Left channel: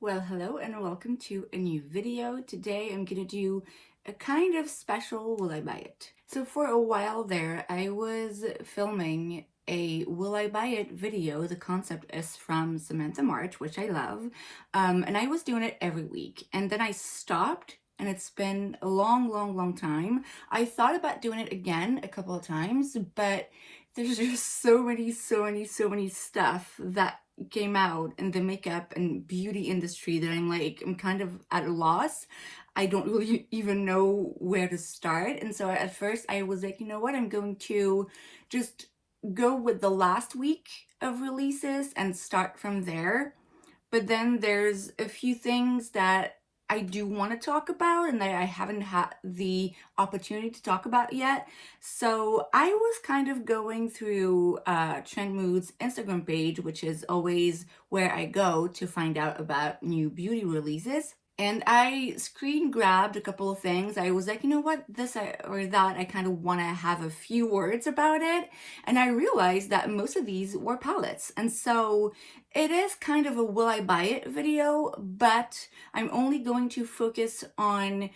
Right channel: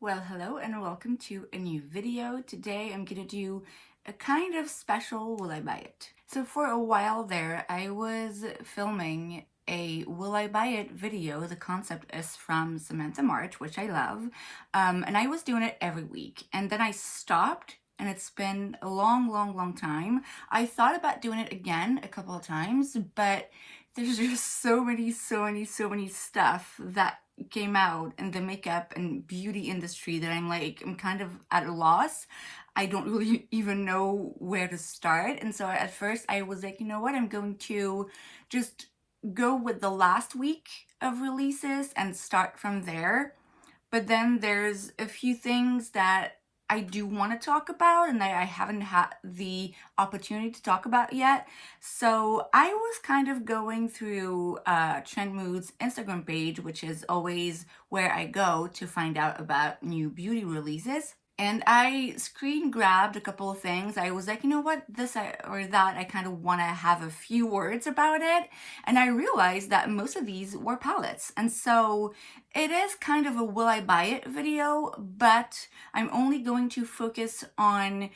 Well, hello and welcome to a new video. Today I'm gonna do a kind of special Will I Buy It? So for a while there, I was filming a Will I Buy It video. The concept is from Samantha March, which I love. And I was doing it every week. And then I stopped and it's been a long time. I thought about doing it again a couple of times, but there's just so many stuff that came out in the makeup and beauty industry that I'm kind of at a loss. I don't really even know where to start. And so at first I was like, you know what, I'm going to just go with the last week of releases and start from there. But then there's a few things that I do want to talk about and that I haven't had the opportunity to talk about yet. So I was kind of going through Trend Mood's Instagram page, which is always where I go to find out about new beauty releases. And I screen grabbed a couple of things. I was like, you know what, this or that, I kind of want to have a few words about it. And I realized that most of these were palettes. And so it is kind of a will I buy it video, but I'm only going to focus on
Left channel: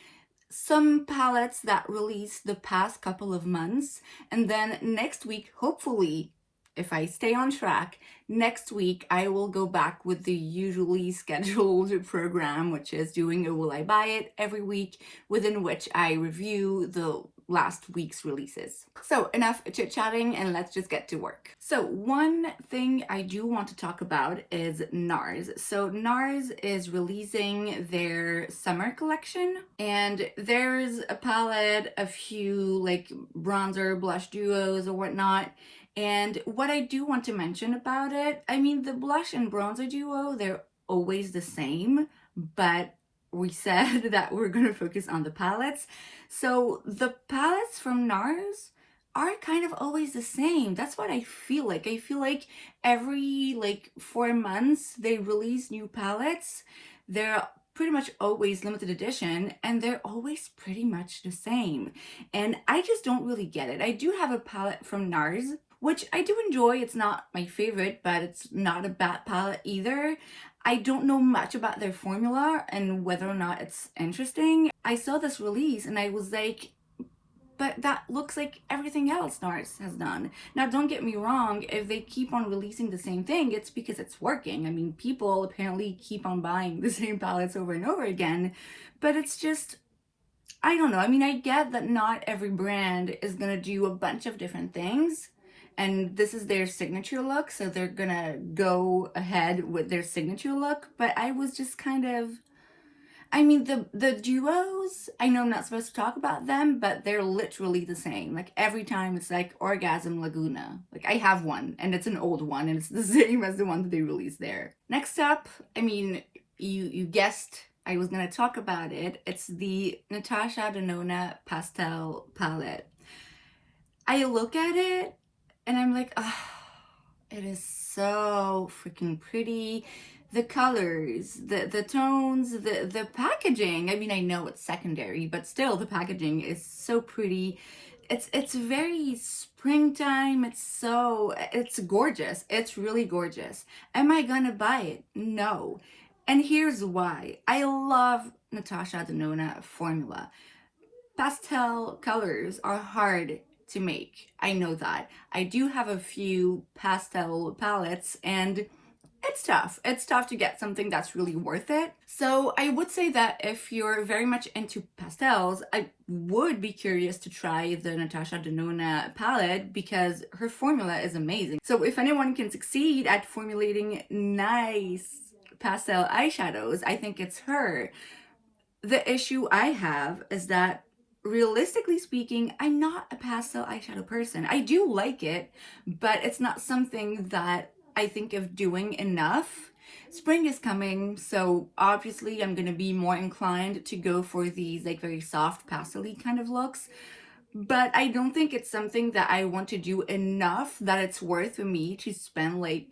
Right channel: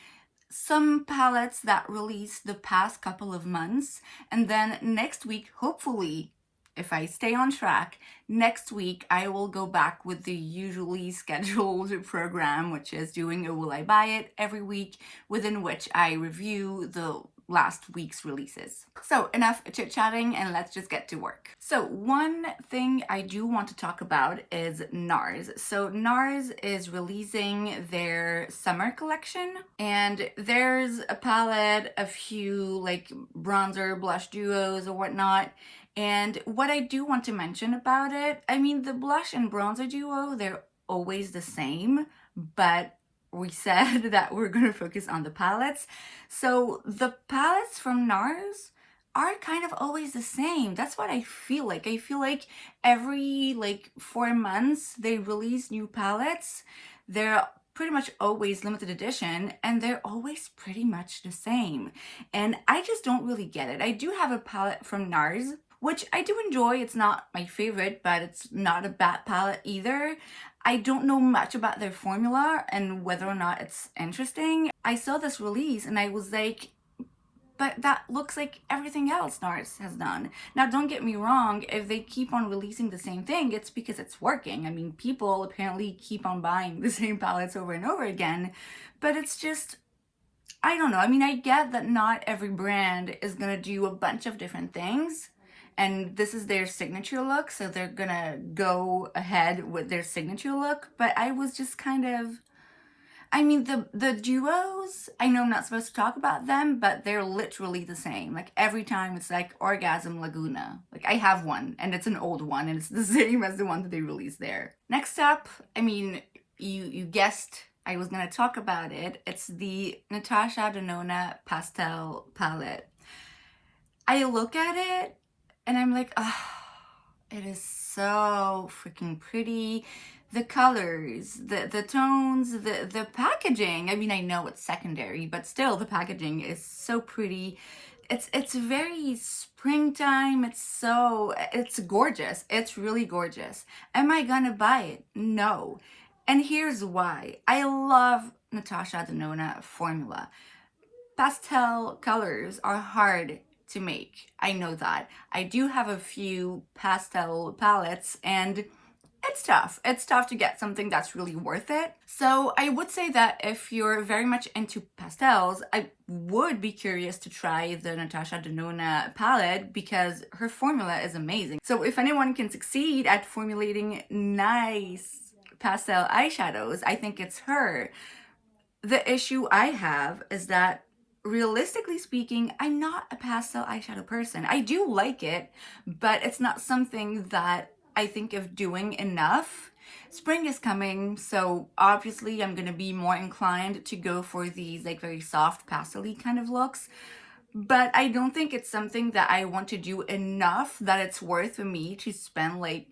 some palettes that released the past couple of months. And then next week, hopefully, if I stay on track, next week I will go back with the usually scheduled program, which is doing a Will I Buy It every week, within which I review the last week's releases. So enough chit-chatting and let's just get to work. So one thing I do want to talk about is NARS. So NARS is releasing their summer collection and there's a palette, a few like bronzer, blush duos or whatnot. And what I do want to mention about it, I mean, the blush and bronzer duo, they're always the same, but we said that we're going to focus on the palettes. So the palettes from NARS are kind of always the same. That's what I feel like. I feel like every 4 months they release new palettes. They're pretty much always limited edition and they're always pretty much the same. And I just don't really get it. I do have a palette from NARS, which I do enjoy. It's not my favorite, but it's not a bad palette either. I don't know much about their formula and whether or not it's interesting. I saw this release and I was like, but that looks like everything else NARS has done. Now, don't get me wrong, if they keep on releasing the same thing, it's because it's working. I mean, people apparently keep on buying the same palettes over and over again, but it's just, I don't know. I mean, I get that not every brand is gonna do a bunch of different things, and this is their signature look, so they're gonna go ahead with their signature look, but I was just kind of, I mean, the duos, I know I'm not supposed to talk about them, but they're literally the same. Like every time it's like Orgasm Laguna. Like I have one and it's an old one and it's the same as the one that they released there. Next up, I mean, you guessed I was gonna talk about it. It's the Natasha Denona Pastel Palette. I look at it and I'm like, oh, it is so freaking pretty. The colors, the tones, the packaging. I mean, I know it's secondary, but still the packaging is so pretty. It's very springtime. It's gorgeous. It's really gorgeous. Am I gonna buy it? No. And here's why. I love Natasha Denona formula. Pastel colors are hard to make. I know that. I do have a few pastel palettes and it's tough. It's tough to get something that's really worth it. So I would say that if you're very much into pastels, I would be curious to try the Natasha Denona palette because her formula is amazing. So if anyone can succeed at formulating nice pastel eyeshadows, I think it's her. The issue I have is that realistically speaking, I'm not a pastel eyeshadow person. I do like it, but it's not something that I think of doing enough. Spring is coming, so obviously I'm gonna be more inclined to go for these like very soft pastel-y kind of looks, but I don't think it's something that I want to do enough that it's worth for me to spend like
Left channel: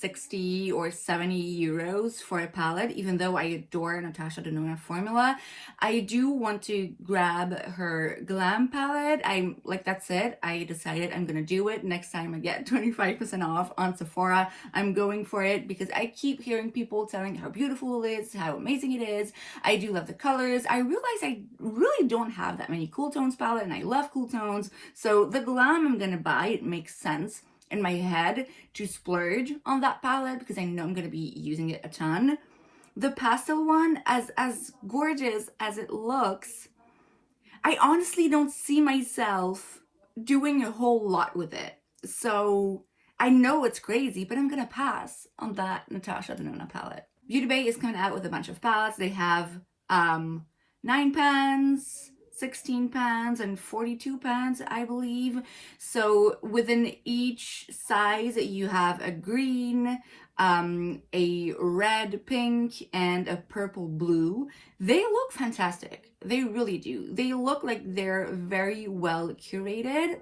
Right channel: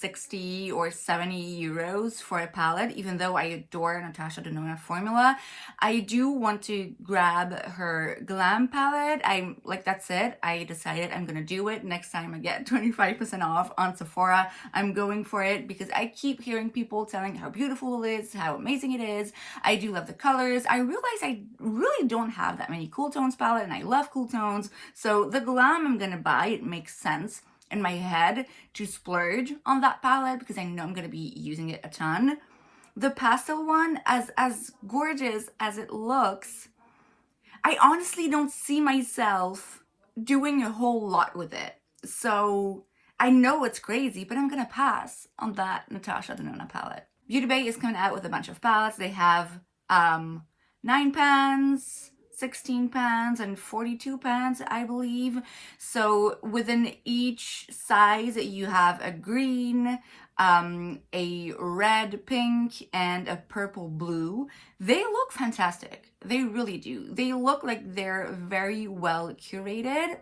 60 or 70 euros for a palette. Even though I adore Natasha Denona formula, I do want to grab her glam palette. I'm like, that's it. I decided I'm gonna do it. Next time I get 25% off on Sephora, I'm going for it because I keep hearing people telling how beautiful it is, how amazing it is. I do love the colors. I realize I really don't have that many cool tones palette, and I love cool tones. So the glam I'm gonna buy, it makes sense in my head to splurge on that palette because I know I'm gonna be using it a ton. The pastel one, as gorgeous as it looks, I honestly don't see myself doing a whole lot with it. So I know it's crazy, but I'm gonna pass on that Natasha Denona palette. Beauty Bay is coming out with a bunch of palettes. They have 9 pans, 16 pans, and 42 pans, I believe. So within each size, you have a green, a red, pink, and a purple blue. They look fantastic. They really do. They look like they're very well curated.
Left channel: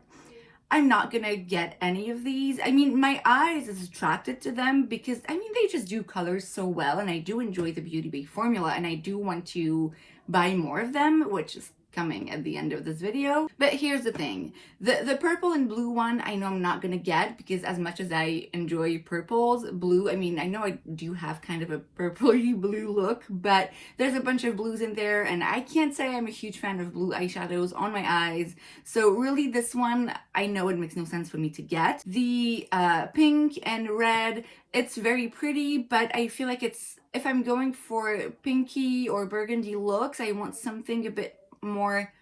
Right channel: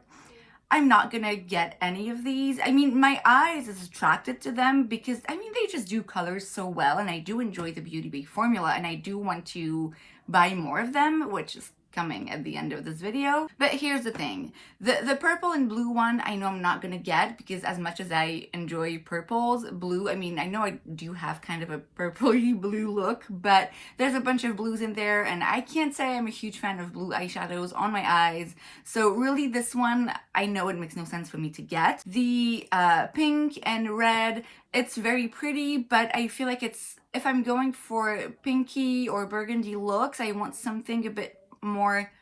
I'm not gonna get any of these. I mean, my eyes is attracted to them because, I mean, they just do colors so well, and I do enjoy the Beauty Bay formula, and I do want to buy more of them, which is coming at the end of this video. But here's the thing, the purple and blue one I know I'm not gonna get because as much as I enjoy purples, blue, I mean, I know I do have kind of a purpley blue look, but there's a bunch of blues in there, and I can't say I'm a huge fan of blue eyeshadows on my eyes. So really this one, I know it makes no sense for me to get. The pink and red, it's very pretty, but I feel like it's, if I'm going for pinky or burgundy looks, I want something a bit more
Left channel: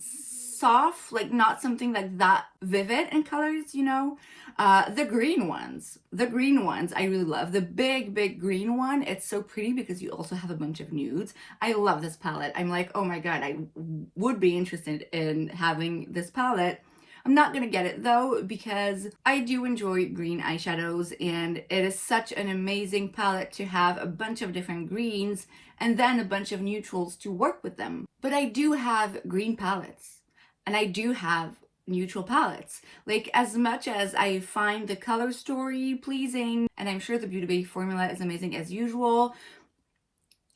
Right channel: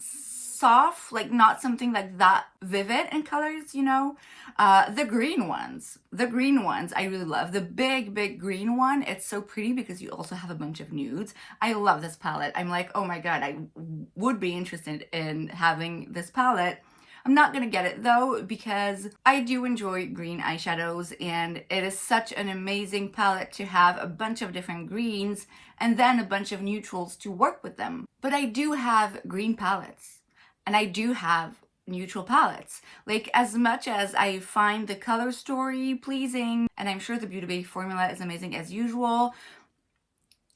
soft, like not something like that vivid in colors, you know. The green ones I really love. The big green one, it's so pretty because you also have a bunch of nudes. I love this palette. I'm like, oh my god, I would be interested in having this palette. I'm not gonna get it though because I do enjoy green eyeshadows, and it is such an amazing palette to have a bunch of different greens and then a bunch of neutrals to work with them. But I do have green palettes and I do have neutral palettes. Like, as much as I find the color story pleasing, and I'm sure the Beauty Bay formula is amazing as usual,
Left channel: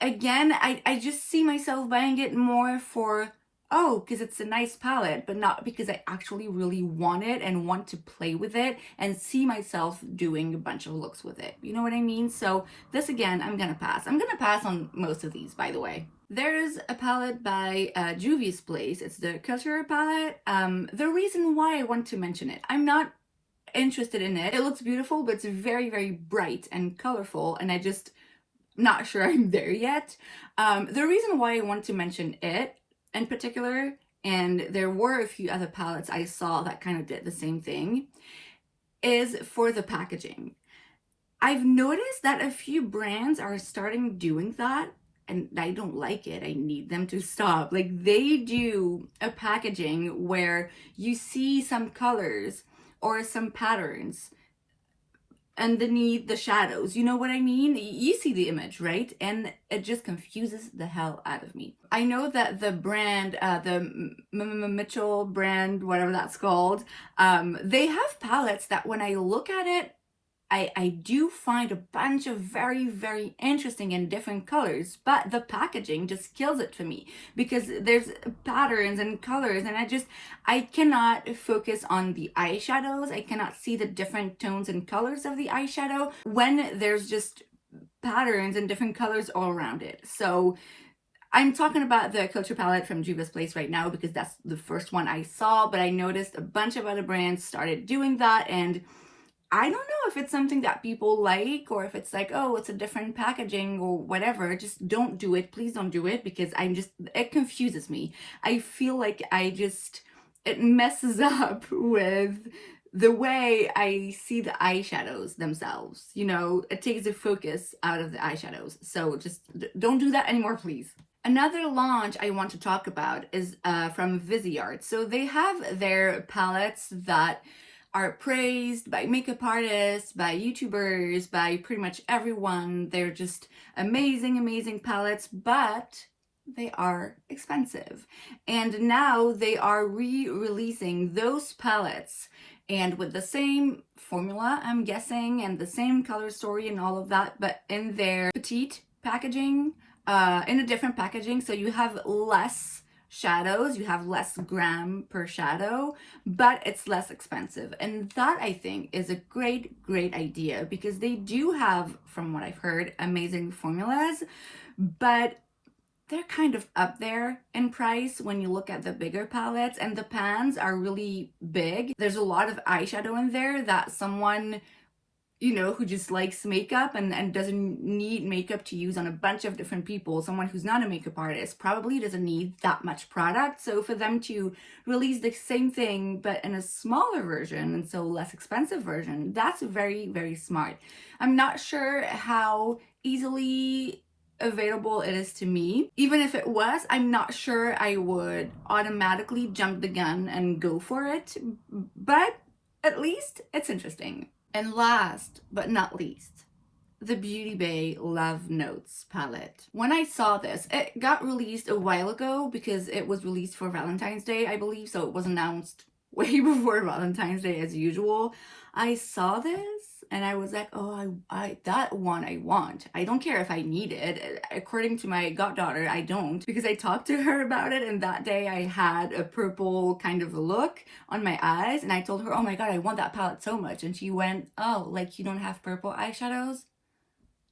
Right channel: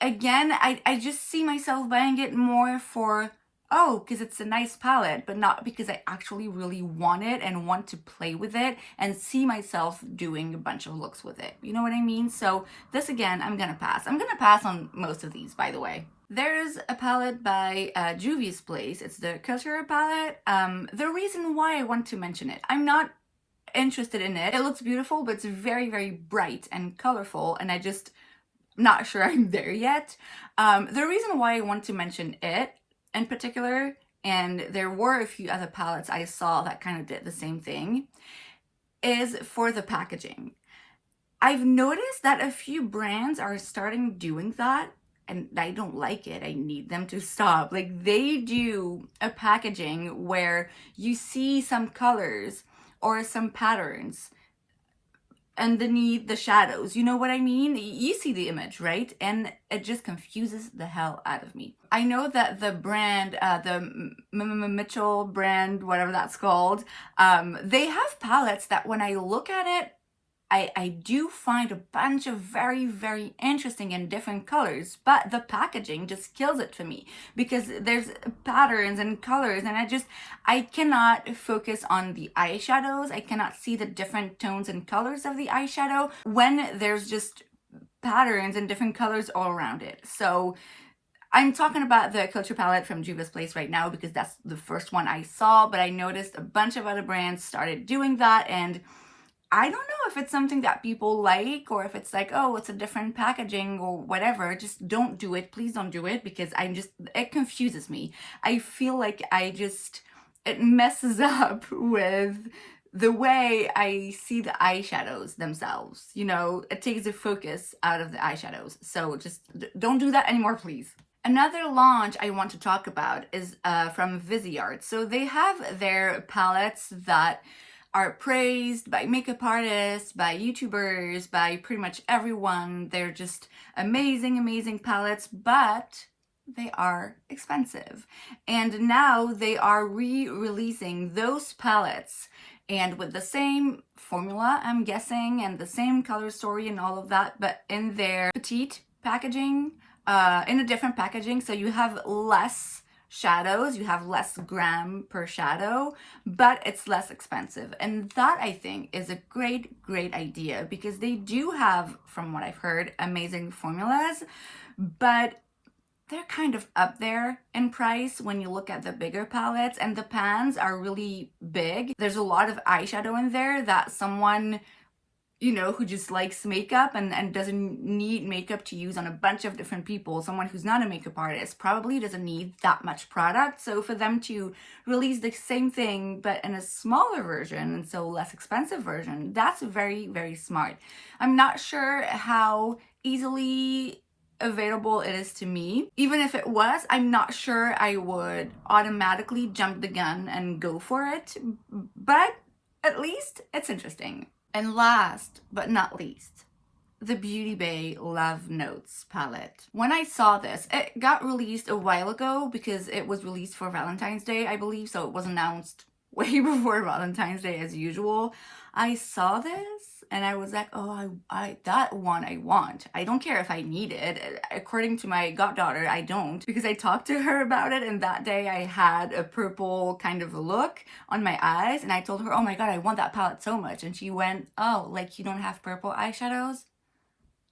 again, I just see myself buying it more for, oh, because it's a nice palette, but not because I actually really want it and want to play with it and see myself doing a bunch of looks with it. You know what I mean? So this, again, I'm gonna pass. I'm gonna pass on most of these, by the way. There's a palette by Jules Place. It's the Couture palette. The reason why I want to mention it, I'm not interested in it. It looks beautiful, but it's very bright and colorful, and I just not sure I'm there yet. The reason why I want to mention it in particular, and there were a few other palettes I saw that kind of did the same thing, is for the packaging. I've noticed that a few brands are starting doing that, and I don't like it. I need them to stop. Like, they do a packaging where you see some colors or some patterns underneath the shadows. You know what I mean? You see the image, right? And it just confuses the hell out of me. I know that the brand, the Mitchell brand, whatever that's called, they have palettes that when I look at it, I do find a bunch of very interesting and different colors, but the packaging just kills it for me because there's patterns and colors, and I cannot focus on the eyeshadows. I cannot see the different tones and colors of the eyeshadow when there's just patterns and different colors all around it. So I'm talking about the Couture palette from Jules Place right now because that's the first one I saw, but I noticed a bunch of other brands started doing that, and I don't know if it's something that people like or if it's like, oh, it's a different packaging or whatever. Just don't do it. Please don't do it because it confuses me. I feel like it messes up with the way I see the eyeshadows themselves. You know, it takes the focus out of the eyeshadows. So just don't do that anymore, please. Another launch I want to talk about is from Viseart. So they have their palettes that are praised by makeup artists, by YouTubers, by pretty much everyone. They're just amazing palettes, but they are expensive. And now they are re-releasing those palettes, and with the same formula, I'm guessing, and the same color story and all of that, but in their petite packaging, in a different packaging. So you have less shadows, you have less gram per shadow, but it's less expensive. And that, I think, is a great idea, because they do have, from what I've heard, amazing formulas, but they're kind of up there in price when you look at the bigger palettes, and the pans are really big. There's a lot of eyeshadow in there that someone, you know, who just likes makeup and doesn't need makeup to use on a bunch of different people, someone who's not a makeup artist, probably doesn't need that much product. So for them to release the same thing but in a smaller version, and so less expensive version, that's very smart. I'm not sure how easily available it is to me. Even if it was, I'm not sure I would automatically jump the gun and go for it, but at least it's interesting. And last but not least, the Beauty Bay Love Notes palette. When I saw this, it got released a while ago because it was released for Valentine's Day, I believe, so it was announced way before Valentine's Day as usual. I saw this and I was like, oh, I that one I want. I don't care if I need it. According to my goddaughter, I don't, because I talked to her about it, and that day I had a purple kind of a look on my eyes, and I told her, oh my god, I want that palette so much. And she went, oh, like you don't have purple eyeshadows?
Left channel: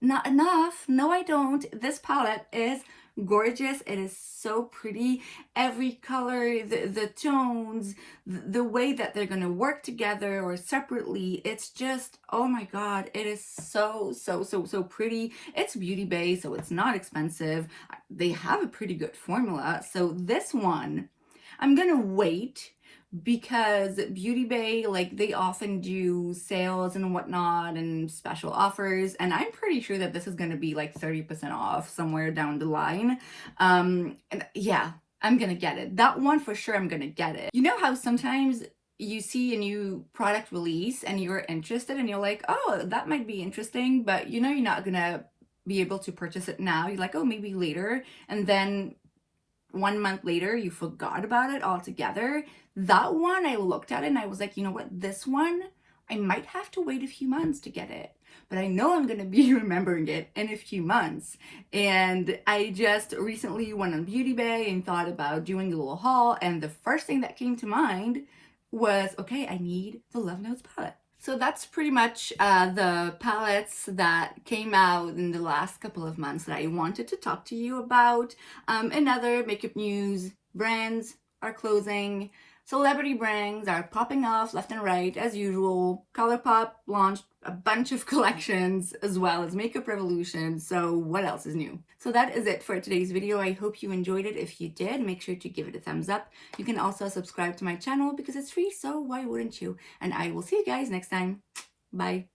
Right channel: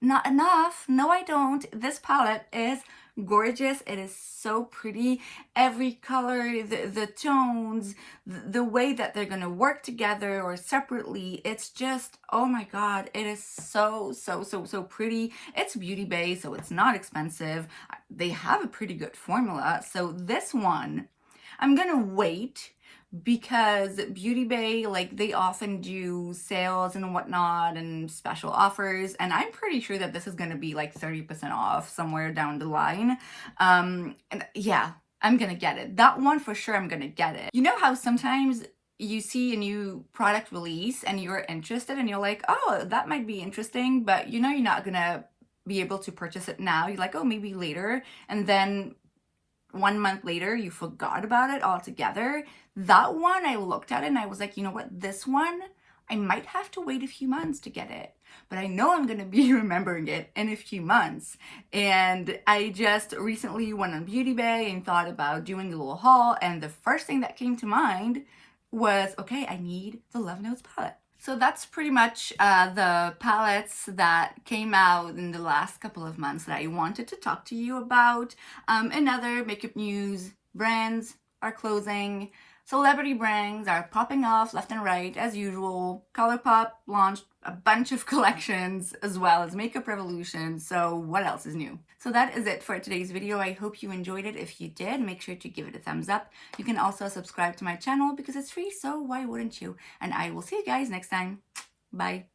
Not enough. No, I don't. This palette is gorgeous. It is so pretty. Every color, the tones, the way that they're gonna work together or separately, it's just, oh my god, it is so pretty. It's Beauty Bay, so it's not expensive. They have a pretty good formula. So this one, I'm gonna wait, because Beauty Bay, like, they often do sales and whatnot and special offers, and I'm pretty sure that this is going to be like 30% off somewhere down the line. And yeah, I'm gonna get it. That one for sure, I'm gonna get it. You know how sometimes you see a new product release and you're interested and you're like, oh, that might be interesting, but you know you're not gonna be able to purchase it now. You're like, oh, maybe later, and then 1 month later you forgot about it altogether. That one, I looked at it and I was like, you know what, this one, I might have to wait a few months to get it, but I know I'm going to be remembering it in a few months. And I just recently went on Beauty Bay and thought about doing a little haul, and the first thing that came to mind was, okay, I need the Love Notes palette. So that's pretty much the palettes that came out in the last couple of months that I wanted to talk to you about. In other makeup news, brands are closing. Celebrity brands are popping off left and right as usual. ColourPop launched a bunch of collections, as well as Makeup Revolution. So what else is new? So that is it for today's video. I hope you enjoyed it. If you did, make sure to give it a thumbs up. You can also subscribe to my channel because it's free, so why wouldn't you? And I will see you guys next time. Bye.